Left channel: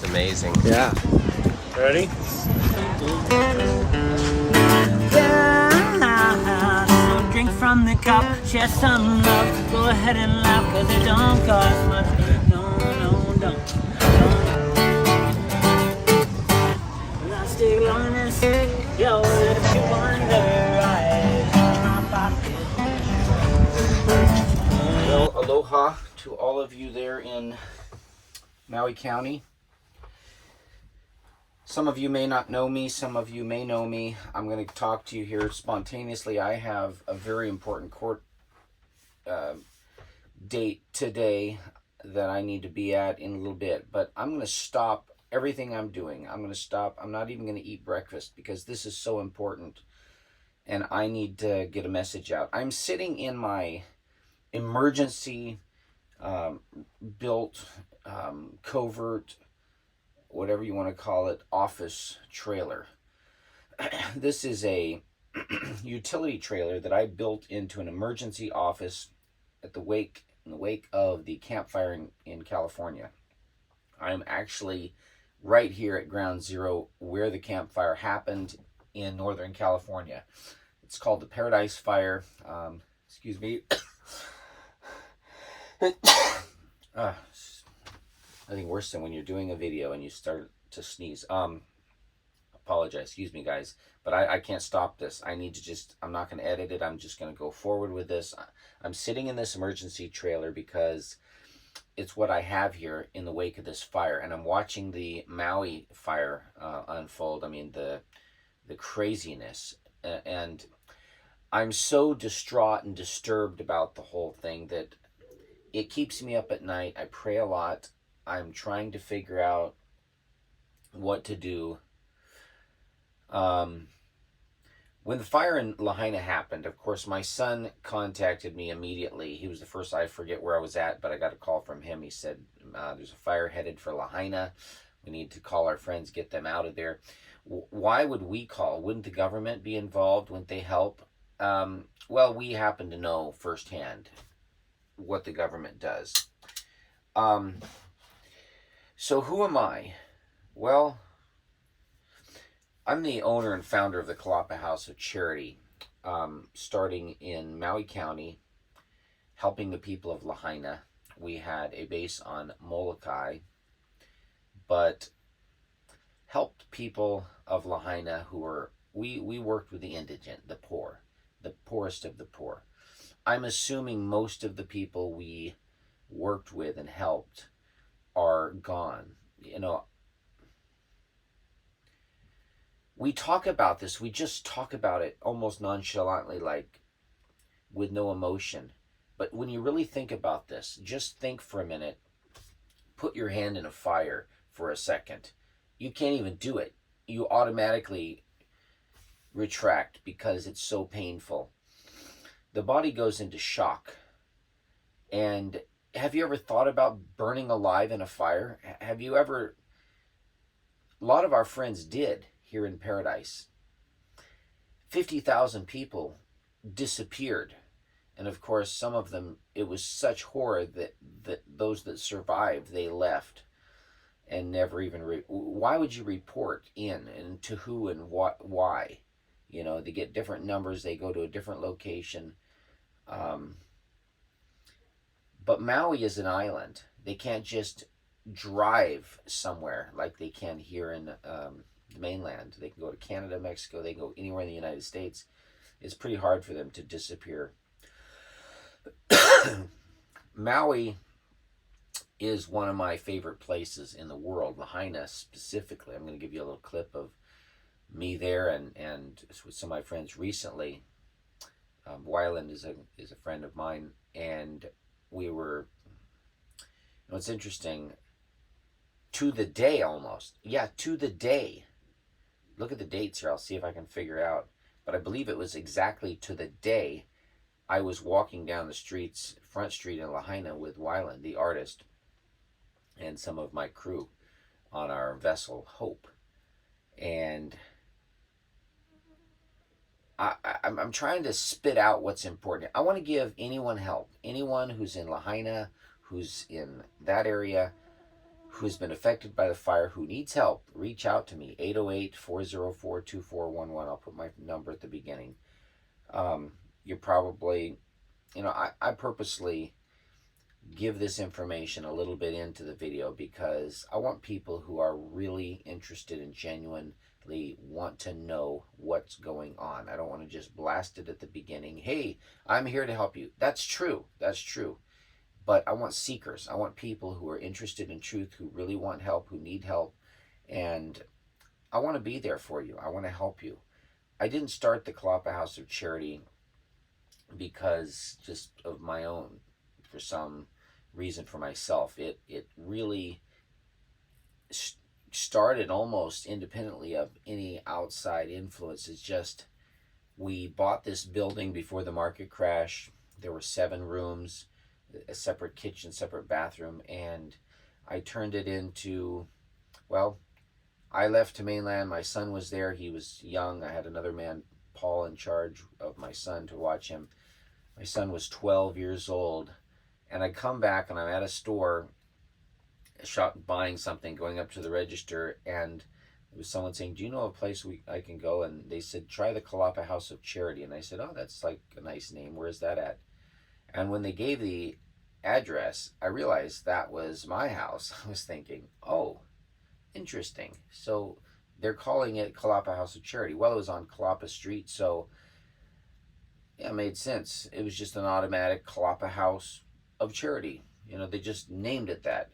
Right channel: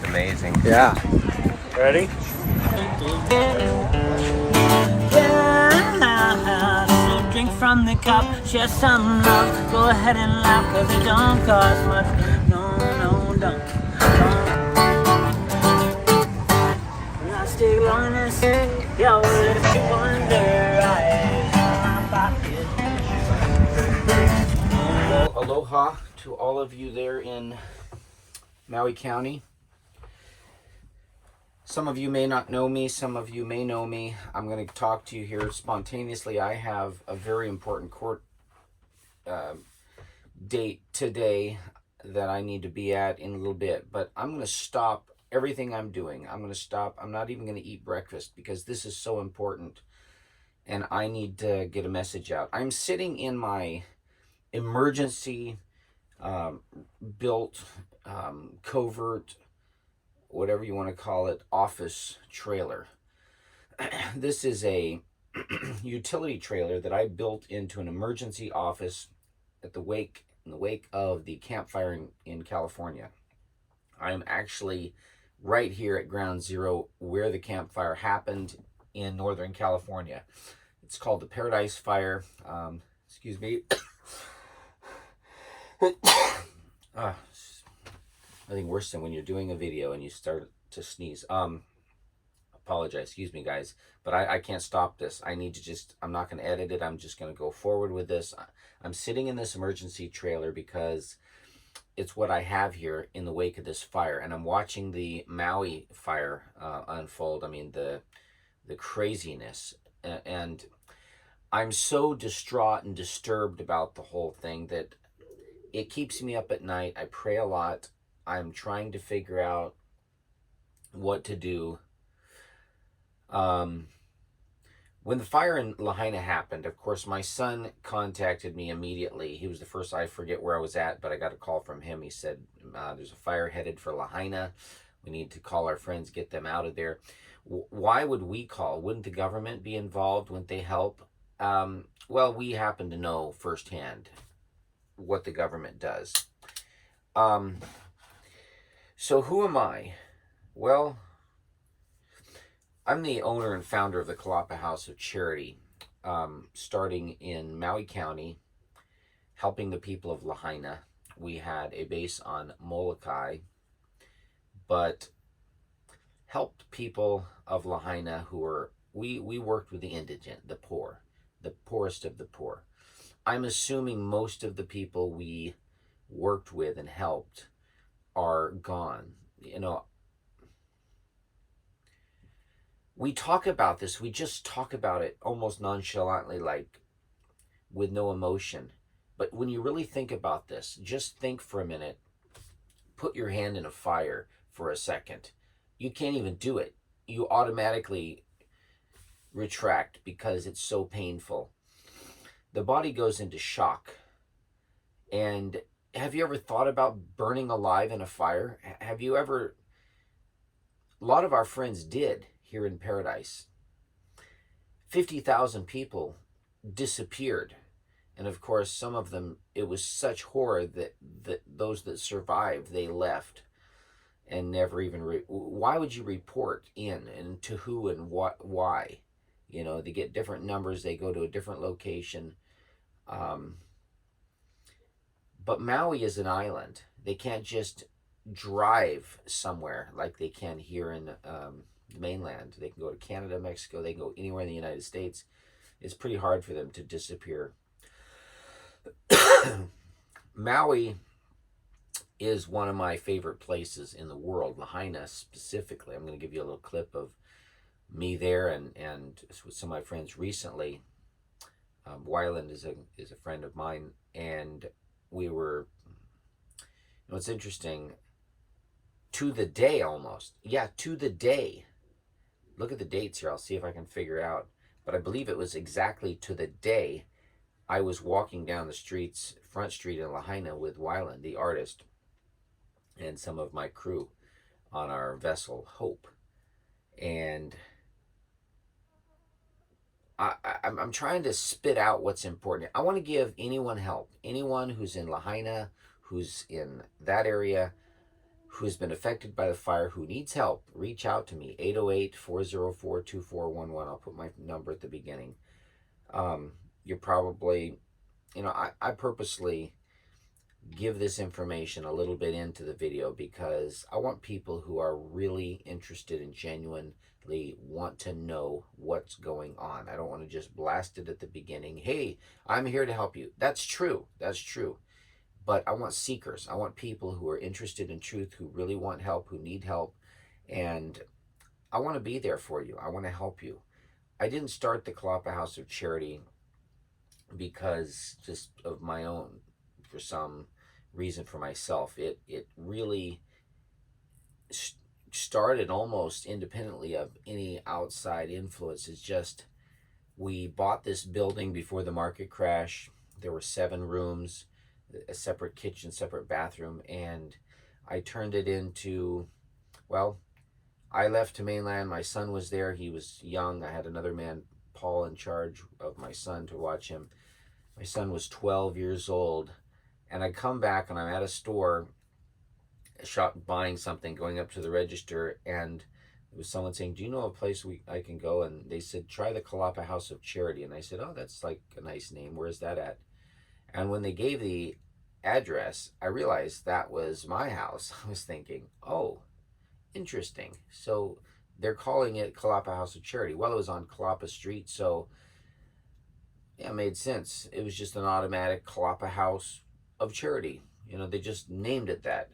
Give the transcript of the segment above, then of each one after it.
It's amazing. Yeah. Ready? So drink from the cup, share some love. Go ahead and laugh, cause it don't cost much. No, no, don't. Elastic loneliness, yo, Well, aloha to all of you there in Maui County. Some of you may not know me, some of you may know me. I'm going to talk to you here spontaneously. I have a very important court date today that I need to be at in a little bit, but I'm going to stop everything I'm doing. I'm going to stop. I'm not even going to eat breakfast because this is so important and I need to get a message out. I'm sitting in my emergency built covert, whatever you want to call it, office trailer. This is a utility trailer that I built into an emergency office in the wake of the campfire in California. I'm actually right here at ground zero where the campfire happened in Northern California. It's called the Paradise Fire. Excuse me. Nothing worse than when you're doing a video and you start to sneeze. Apologize, excuse me guys, but I can't stop this. I need to I'm not going to edit it. I'm just going to go forward with this. I'm sitting in this emergency trailer because it's what I have here in the wake of this fire, and I'm watching the Maui fire unfold. I mean, the craziness, and I'm so distraught and disturbed about the whole thing that it keeps me up at night. I pray a lot. I'm trying to figure out what to do. When the fire in Lahaina happened, of course, my son contacted me immediately. He was the first. I forget where I was at, but I got a call from him. He said, there's a fire headed for Lahaina. We need to call our friends, get them out of there. Why would we call? Wouldn't the government be involved? Wouldn't they help? Well, we happen to know firsthand what the government does. So who am I? Well, I'm the owner and founder of the Kolapa House of Charity, starting in Maui County, helping the people of Lahaina. We had a base on Molokai, but helped people of Lahaina who were, we worked with the indigent, the poor, the poorest of the poor. I'm assuming most of the people we worked with and helped are gone. You know, we talk about this, we just talk about it almost nonchalantly, like with no emotion. But when you really think about this, just think for a minute, put your hand in a fire for a second. You can't even do it. You automatically retract because it's so painful. The body goes into shock. And have you ever thought about burning alive in a fire? Have you ever? A lot of our friends did here in Paradise. 50,000 people disappeared. And of course, some of them, it was such horror that those that survived, they left and never even, why would you report in and to who and what, why? You know, they get different numbers, they go to a different location. But Maui is an island. They can't just drive somewhere like they can here in the mainland. They can go to Canada, Mexico, they can go anywhere in the United States. It's pretty hard for them to disappear. Maui is one of my favorite places in the world, Lahaina specifically. I'm going to give you a little clip of me there and with some of my friends recently. Wyland is a friend of mine, and we were, you know, it's interesting, to the day almost. Yeah, to the day. Look at the dates here. I'll see if I can figure it out. But I believe it was exactly to the day I was walking down the streets, Front Street in Lahaina with Wyland, the artist, and some of my crew on our vessel, Hope. And I'm trying to spit out what's important. I want to give anyone help. Anyone who's in Lahaina, who's in that area, who has been affected by the fire, who needs help, reach out to me. 808-404-2411. I'll put my number at the beginning. You're probably, I purposely give this information a little bit into the video because I want people who are really interested and genuinely want to know what's going on. I don't want to just blast it at the beginning. Hey, I'm here to help you. That's true. That's true. But I want seekers. I want people who are interested in truth, who really want help, who need help. And I want to be there for you. I want to help you. I didn't start the Kolapa House of Charity because just of my own, for some reason for myself. It really started almost independently of any outside influence. It's just, we bought this building before the market crash. There were 7 rooms, a separate kitchen, separate bathroom, and I turned it into, well, I left to mainland. My son was there. He was young. I had another man, Paul, in charge of my son to watch him. My son was 12 years old, and I come back and I'm at a store, a shop, buying something, going up to the register, and there was someone saying, do you know a place I can go? And they said, try the Kolapa House of Charity. And I said, oh, that's like a nice name. Where's that at? And when they gave the address, I realized that was my house. I was thinking, oh, interesting. So they're calling it Kolapa House of Charity. Well, it was on Kolapa Street, so yeah, it made sense. It was just an automatic Kolapa House of Charity. They just named it that.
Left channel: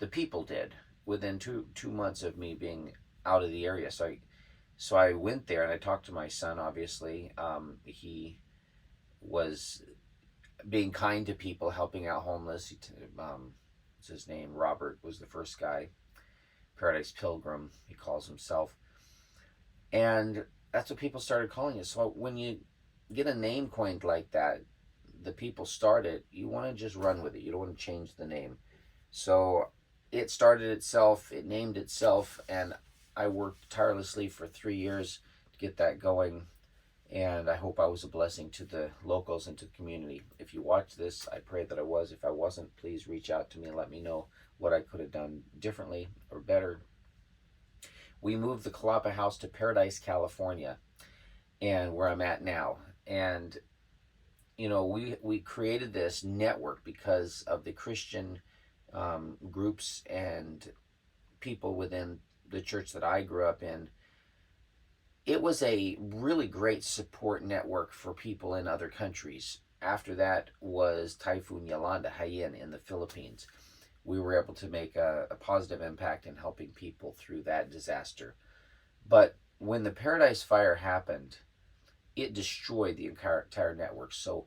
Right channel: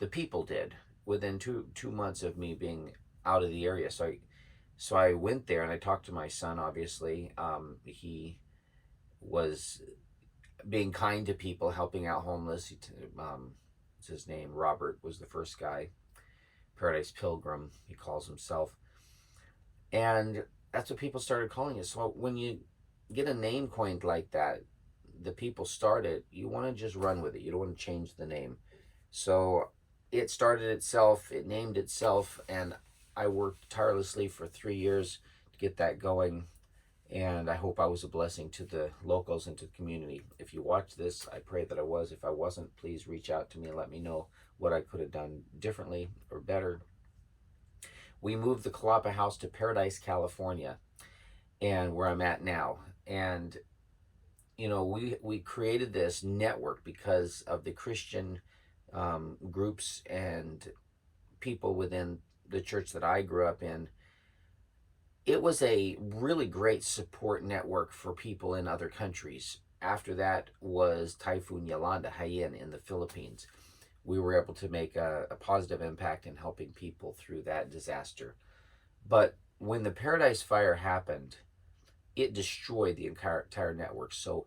The people did, within two months of me being out of the area. So I went there and I talked to my son. Obviously, he was being kind to people, helping out homeless. What's his name? Robert was the first guy. Paradise Pilgrim, he calls himself. And that's what people started calling it. So when you get a name coined like that, the people started, you want to just run with it. You don't want to change the name. So it started itself, it named itself, and I worked tirelessly for 3 years to get that going. And I hope I was a blessing to the locals and to the community. If you watch this, I pray that I was. If I wasn't, please reach out to me and let me know what I could have done differently or better. We moved the Kolapa House to Paradise, California, and where I'm at now. And we created this network because of the Christian groups and people within the church that I grew up in. It was a really great support network for people in other countries. After that was Typhoon Yolanda, Haiyan in the Philippines. We were able to make a positive impact in helping people through that disaster. But when the Paradise Fire happened, it destroyed the entire network. So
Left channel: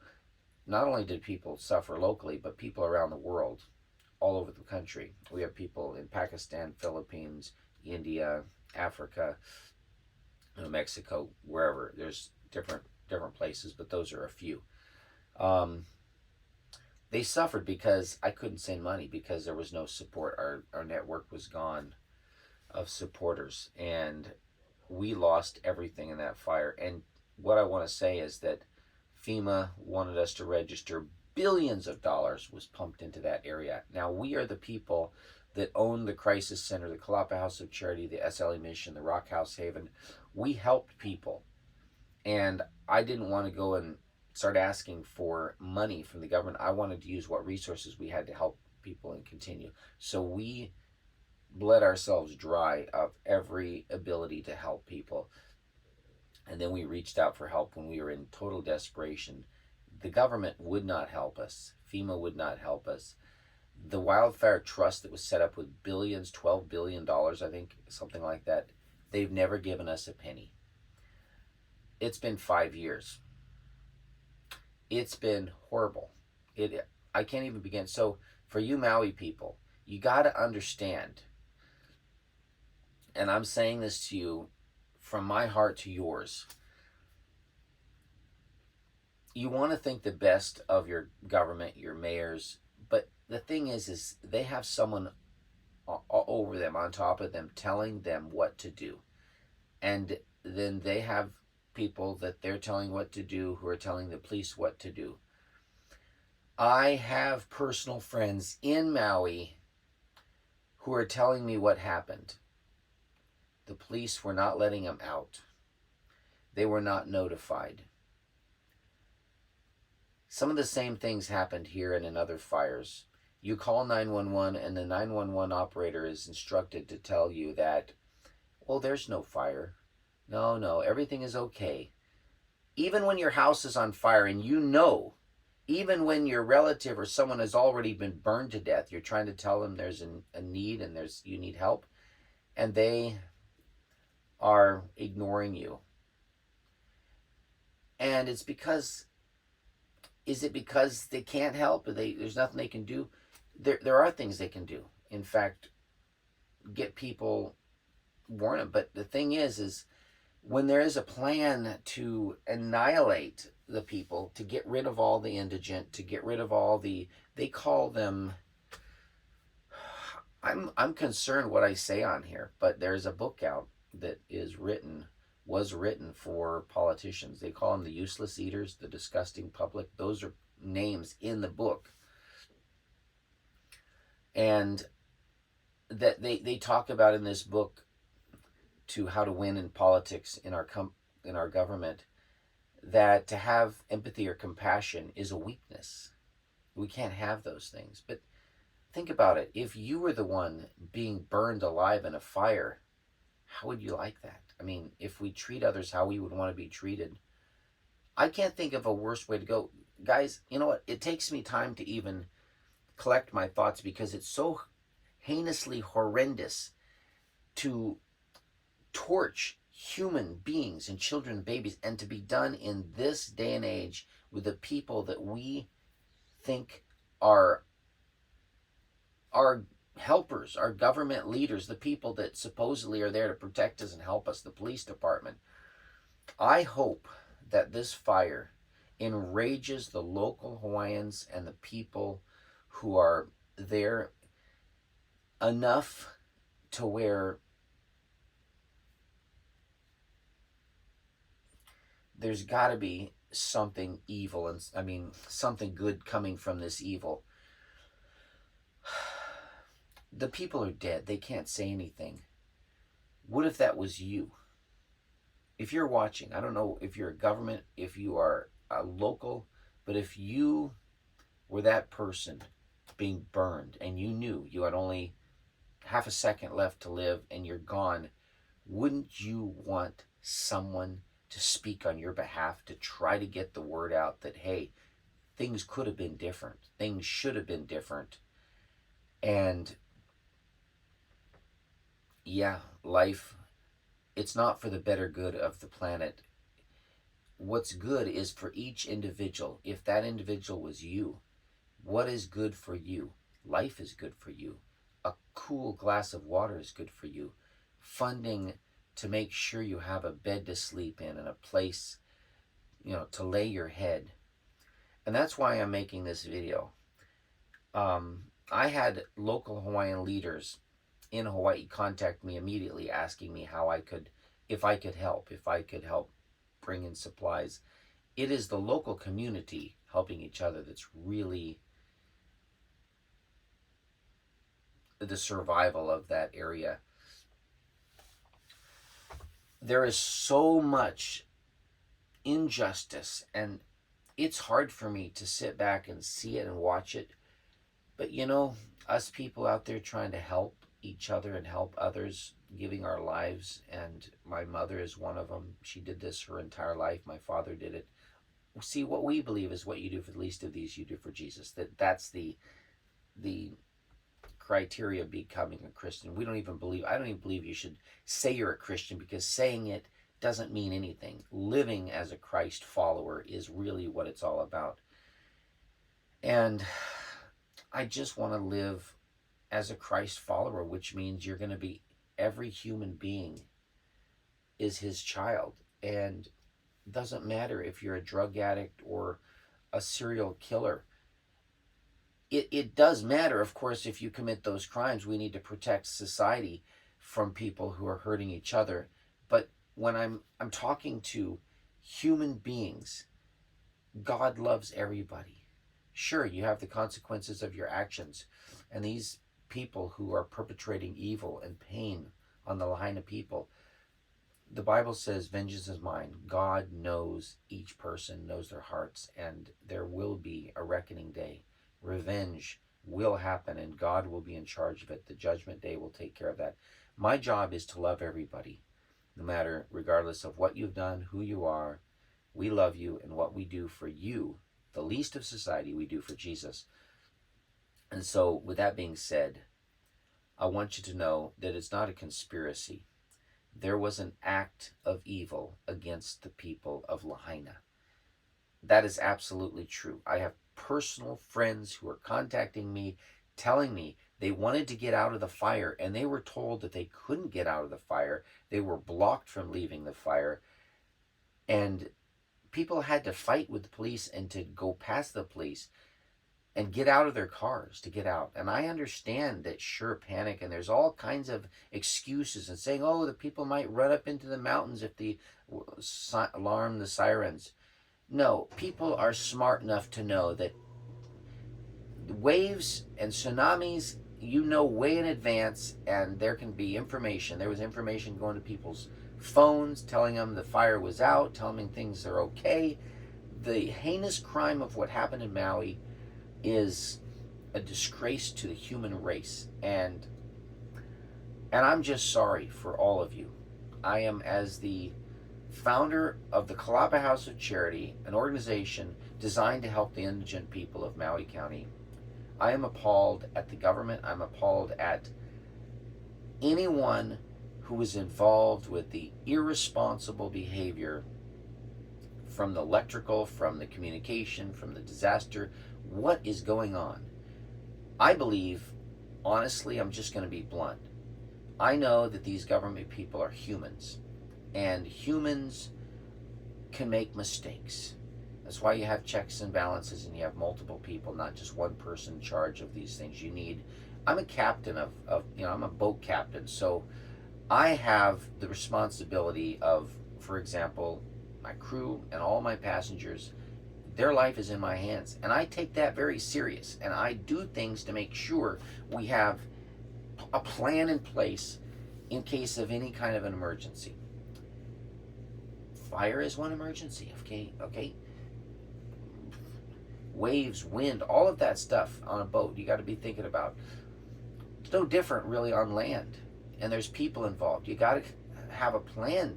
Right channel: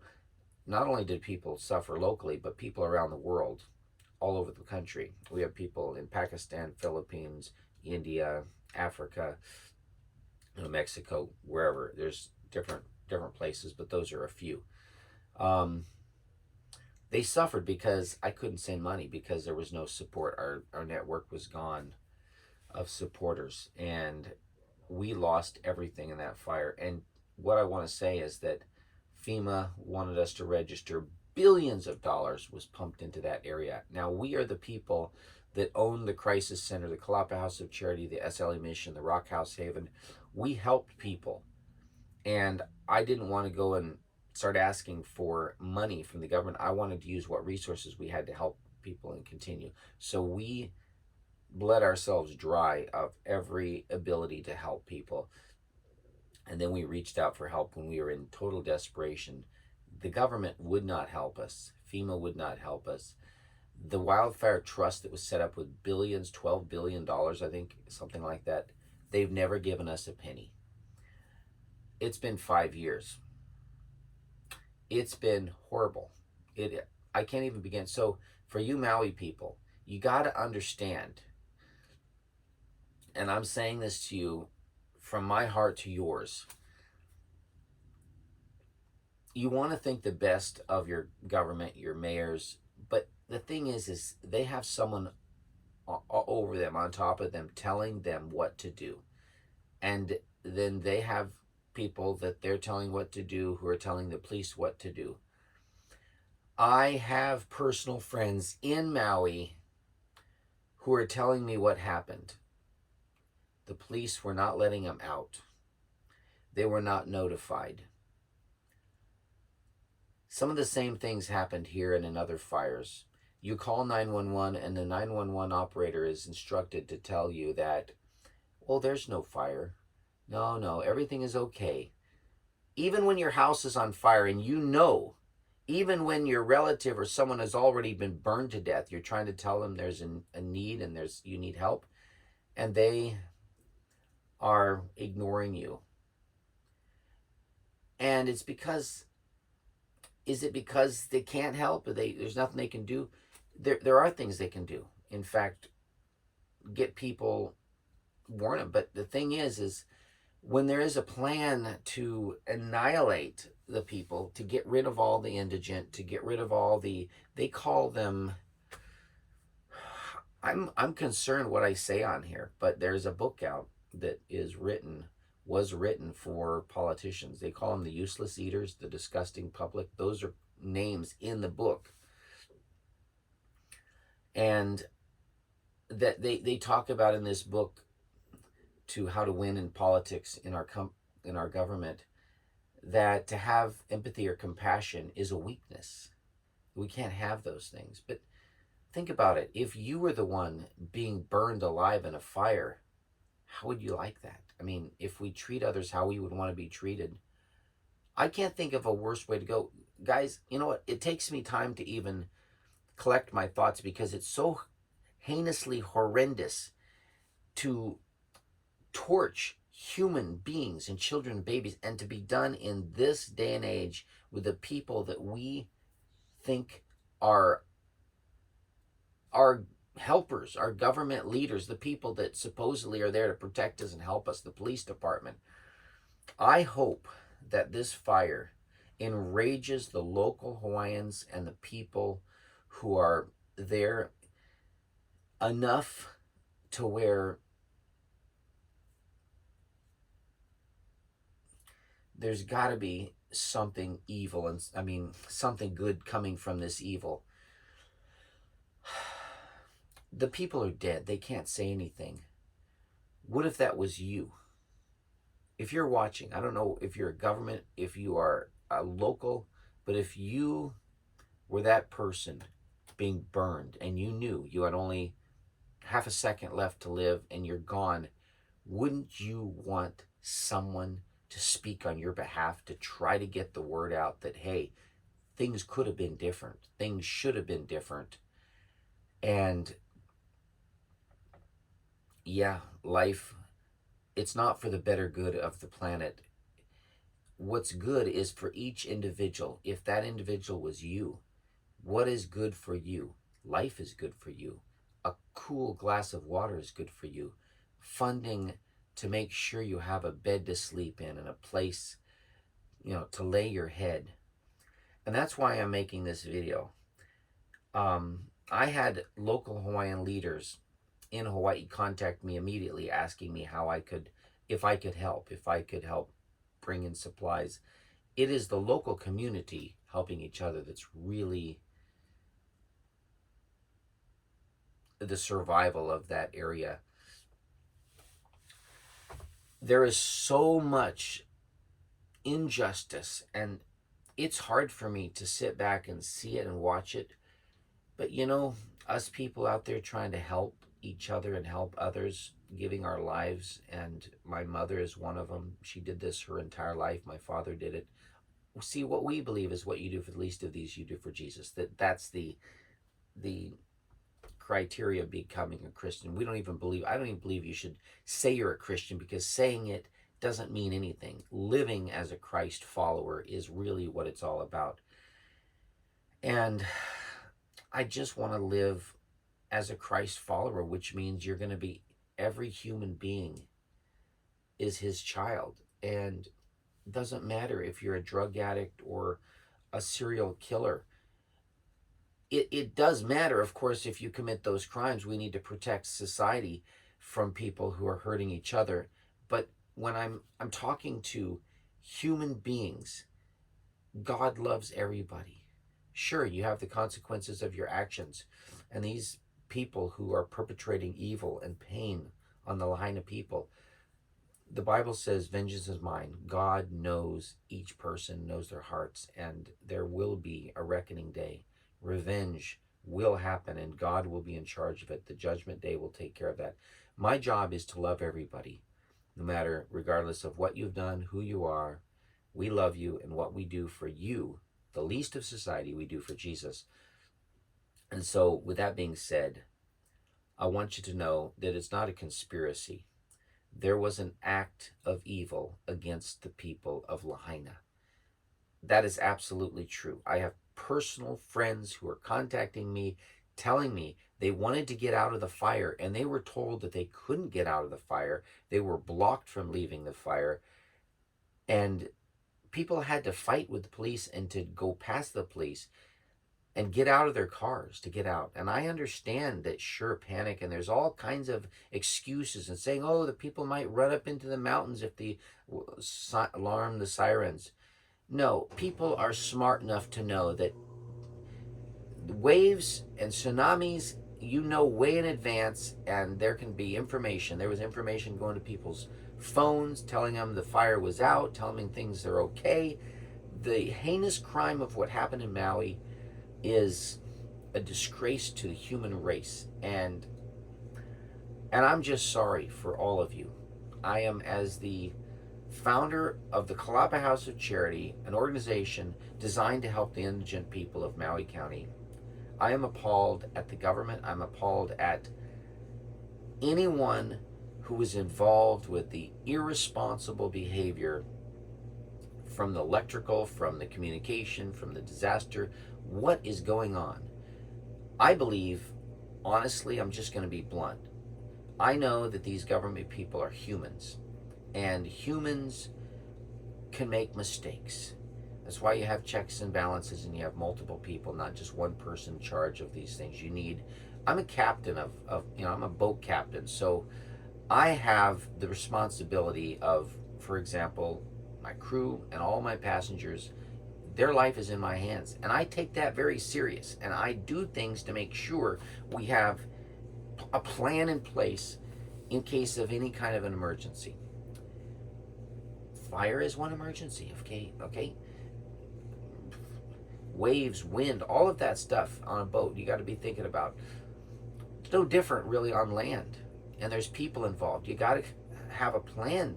not only did people suffer locally, but people around the world, all over the country. We have people in Pakistan, Philippines, India, Africa, Mexico, wherever. There's different places, but those are a few. They suffered because I couldn't send money because there was no support. Our network was gone of supporters, and we lost everything in that fire. And what I want to say is that FEMA wanted us to register. Billions of dollars was pumped into that area. Now, we are the people that own the Crisis Center, the Kolapa House of Charity, the SLA Mission, the Rock House Haven. We helped people. And I didn't want to go and start asking for money from the government. I wanted to use what resources we had to help people and continue. So we bled ourselves dry of every ability to help people. And then we reached out for help when we were in total desperation. The government would not help us. FEMA would not help us. The Wildfire Trust that was set up with billions, $12 billion, I think, something like that, they've never given us a penny. It's been 5 years. It's been horrible. I can't even begin. So for you Maui people, you got to understand, and I'm saying this to you from my heart to yours, you want to think the best of your government, your mayors, but the thing is they have someone over them, on top of them, telling them what to do. And then they have people that they're telling what to do who are telling the police what to do. I have personal friends in Maui who are telling me what happened. The police were not letting them out. They were not notified. Some of the same things happened here and in other fires. You call 911 and the 911 operator is instructed to tell you that, well, there's no fire. No, everything is okay. Even when your house is on fire and you know, even when your relative or someone has already been burned to death, you're trying to tell them there's a need and you need help, and they are ignoring you. And it's because, is it because they can't help? Or there's nothing they can do? There are things they can do. In fact, get people, warn them. But the thing is when there is a plan to annihilate the people, to get rid of all the indigent, to get rid of all the, they call them, I'm concerned what I say on here, but there's a book out that was written for politicians. They call them the useless eaters, the disgusting public. Those are names in the book. And that they talk about in this book to how to win in politics in our government, that to have empathy or compassion is a weakness. We can't have those things. But think about it. If you were the one being burned alive in a fire, how would you like that? I mean, if we treat others how we would want to be treated, I can't think of a worse way to go. Guys, you know what? It takes me time to even collect my thoughts because it's so heinously horrendous to torch human beings and children and babies, and to be done in this day and age with the people that we think are our helpers, our government leaders, the people that supposedly are there to protect us and help us, the police department. I hope that this fire enrages the local Hawaiians and the people who are there enough to where there's got to be something evil, and I mean something good coming from this evil. The people are dead. They can't say anything. What if that was you? If you're watching, I don't know if you're a government, if you are a local, but if you were that person being burned and you knew you had only half a second left to live and you're gone, wouldn't you want someone to speak on your behalf, to try to get the word out that, hey, things could have been different, things should have been different? And yeah, life, it's not for the better good of the planet. What's good is for each individual. If that individual was you, what is good for you? Life is good for you. A cool glass of water is good for you. Funding to make sure you have a bed to sleep in and a place, to lay your head. And that's why I'm making this video. I had local Hawaiian leaders in Hawaii contact me immediately asking me if I could help bring in supplies. It is the local community helping each other that's really the survival of that area. There is so much injustice, and it's hard for me to sit back and see it and watch it. But us people out there trying to help each other and help others, giving our lives, and my mother is one of them. She did this her entire life. My father did it. See, what we believe is what you do for the least of these, you do for Jesus. That's the criteria of becoming a Christian. I don't even believe you should say you're a Christian, because saying it doesn't mean anything. Living as a Christ follower is really what it's all about. And I just want to live as a Christ follower, which means you're going to be, every human being is his child. And it doesn't matter if you're a drug addict or a serial killer. It does matter, of course, if you commit those crimes. We need to protect society from people who are hurting each other. But when I'm talking to human beings, God loves everybody. Sure, you have the consequences of your actions, and these people who are perpetrating evil and pain on the Lahaina people. The Bible says, vengeance is mine. God knows each person, knows their hearts, and there will be a reckoning day. Revenge will happen, and God will be in charge of it. The judgment day will take care of that. My job is to love everybody, no matter, regardless of what you've done, who you are. We love you, and what we do for you, the least of society, we do for Jesus. And so, with that being said, I want you to know that it's not a conspiracy. There was an act of evil against the people of Lahaina. That is absolutely true. I have personal friends who are contacting me, telling me they wanted to get out of the fire, and they were told that they couldn't get out of the fire. They were blocked from leaving the fire. And people had to fight with the police and to go past the police and get out of their cars to get out. And I understand that, sure, panic, and there's all kinds of excuses and saying, oh, the people might run up into the mountains if the alarm the sirens. No, people are smart enough to know that waves and tsunamis, you know, way in advance, and there can be information. There was information going to people's phones telling them the fire was out, telling them things are okay. The heinous crime of what happened in Maui is a disgrace to the human race, and I'm just sorry for all of you. I am, as the founder of the Kolapa House of Charity, an organization designed to help the indigent people of Maui County, I am appalled at the government. I'm appalled at anyone who is involved with the irresponsible behavior, from the electrical, from the communication, from the disaster. What is going on? I believe, honestly, I'm just going to be blunt. I know that these government people are humans, and humans can make mistakes. That's why you have checks and balances, and you have multiple people, not just one person in charge of these things. I'm a captain of I'm a boat captain, so I have the responsibility of, for example, my crew and all my passengers. Their life is in my hands, and I take that very serious, and I do things to make sure we have a plan in place in case of any kind of an emergency. Fire is one emergency, okay? Waves, wind, all of that stuff on a boat you got to be thinking about. It's no different really on land, and there's people involved. You got to have a plan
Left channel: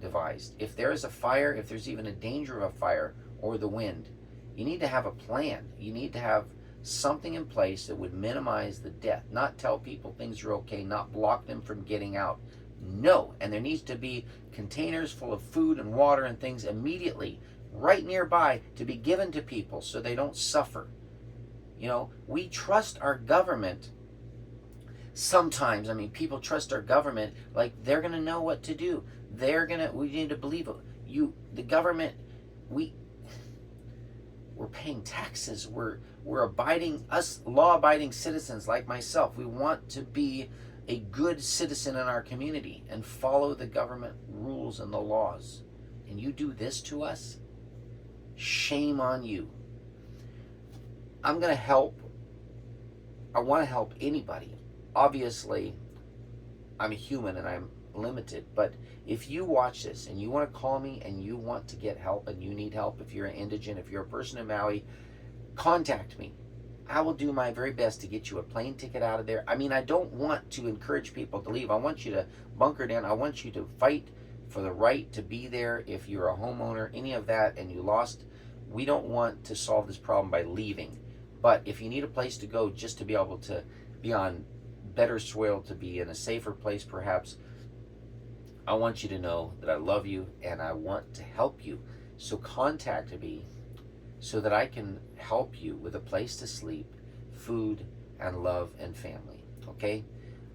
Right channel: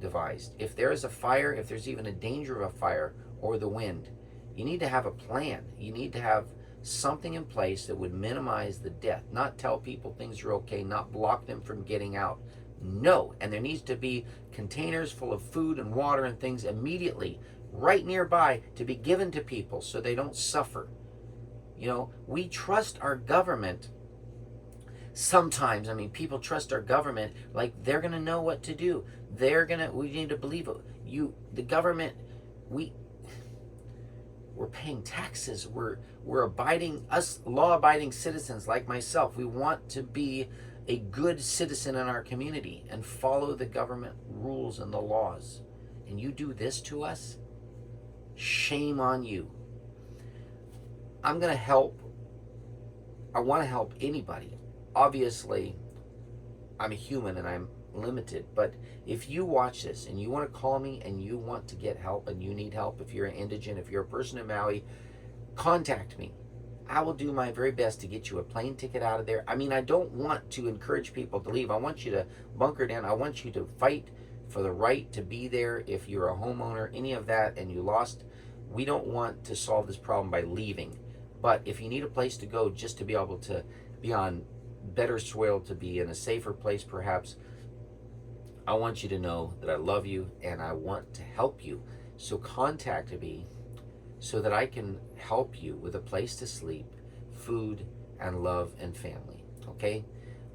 devised. If there is a fire, if there's even a danger of a fire or the wind, you need to have a plan. You need to have something in place that would minimize the death, not tell people things are okay, not block them from getting out. No, and there needs to be containers full of food and water and things immediately right nearby to be given to people so they don't suffer. You know, we trust our government sometimes. I mean, people trust our government like they're going to know what to do. We need to believe it. The government, we're paying taxes. We're abiding, us law-abiding citizens like myself. We want to be a good citizen in our community and follow the government rules and the laws. And you do this to us? Shame on you. I'm going to help. I want to help anybody. Obviously, I'm a human and I'm limited, but if you watch this and you want to call me and you want to get help and you need help, if you're an indigent, if you're a person in Maui, contact me. I will do my very best to get you a plane ticket out of there. I mean, I don't want to encourage people to leave. I want you to bunker down. I want you to fight for the right to be there if you're a homeowner, any of that, and you lost. We don't want to solve this problem by leaving. But if you need a place to go just to be able to be on better soil, to be in a safer place perhaps, I want you to know that I love you and I want to help you. So contact me so that I can help you with a place to sleep, food, and love and family. Okay?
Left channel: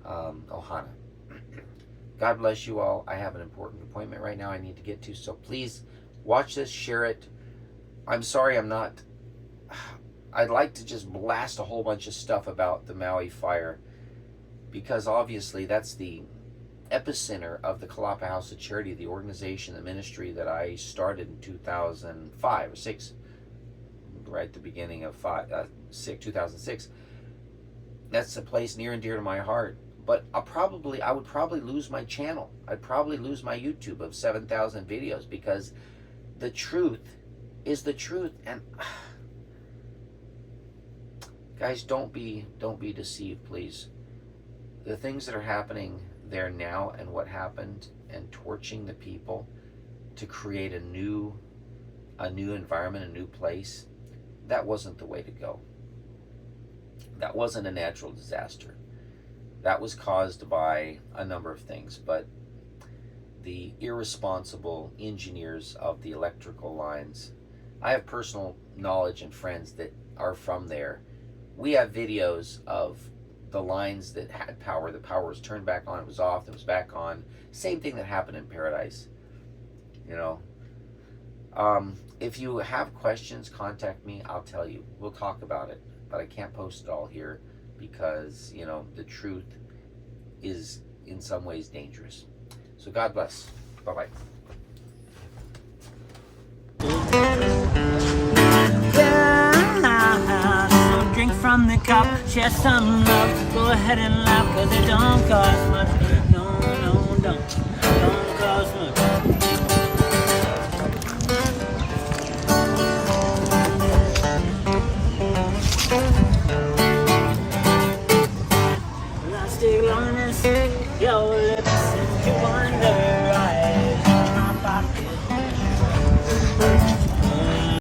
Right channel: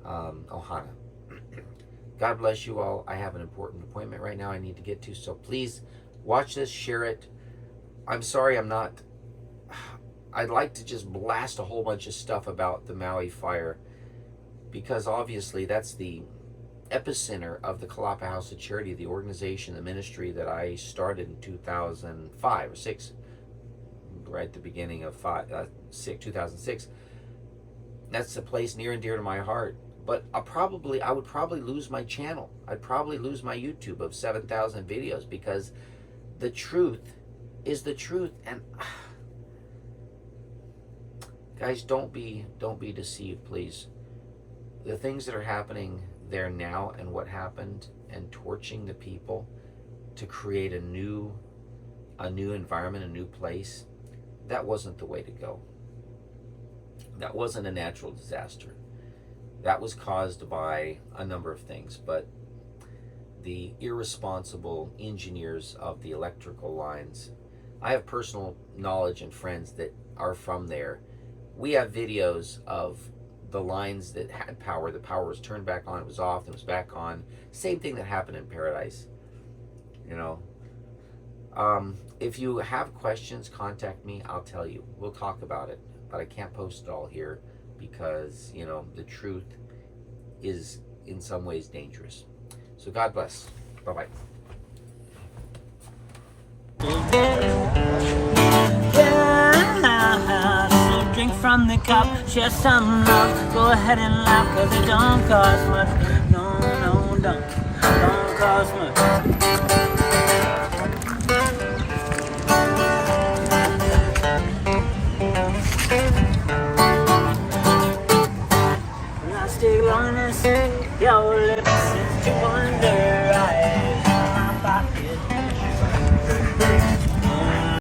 Ohana. God bless you all. I have an important appointment right now I need to get to, so please watch this, share it. I'm sorry I'd like to just blast a whole bunch of stuff about the Maui fire, because obviously that's the epicenter of the Kolapa House of Charity, the organization, the ministry that I started in 2005 or 6, right at the beginning of 2006. That's a place near and dear to my heart. But I would probably lose my channel. I'd probably lose my YouTube of 7,000 videos, because the truth is the truth. And guys, don't be deceived, please. The things that are happening there now, and what happened, and torching the people to create a new environment, a new place, that wasn't the way to go. That wasn't a natural disaster. That was caused by a number of things, but the irresponsible engineers of the electrical lines. I have personal knowledge and friends that are from there. We have videos of the lines that had power. The power was turned back on, it was off, it was back on. Same thing that happened in Paradise. You know, if you have questions, contact me. I'll tell you. We'll talk about it. But I can't post it all here because, you know, the truth is in some ways dangerous. So God bless. Bye-bye. Yeah, so drink from the cup, share some love. Go ahead and laugh, cause it don't cost much. No, no, don't cost much. Elastic loneliness, your lips,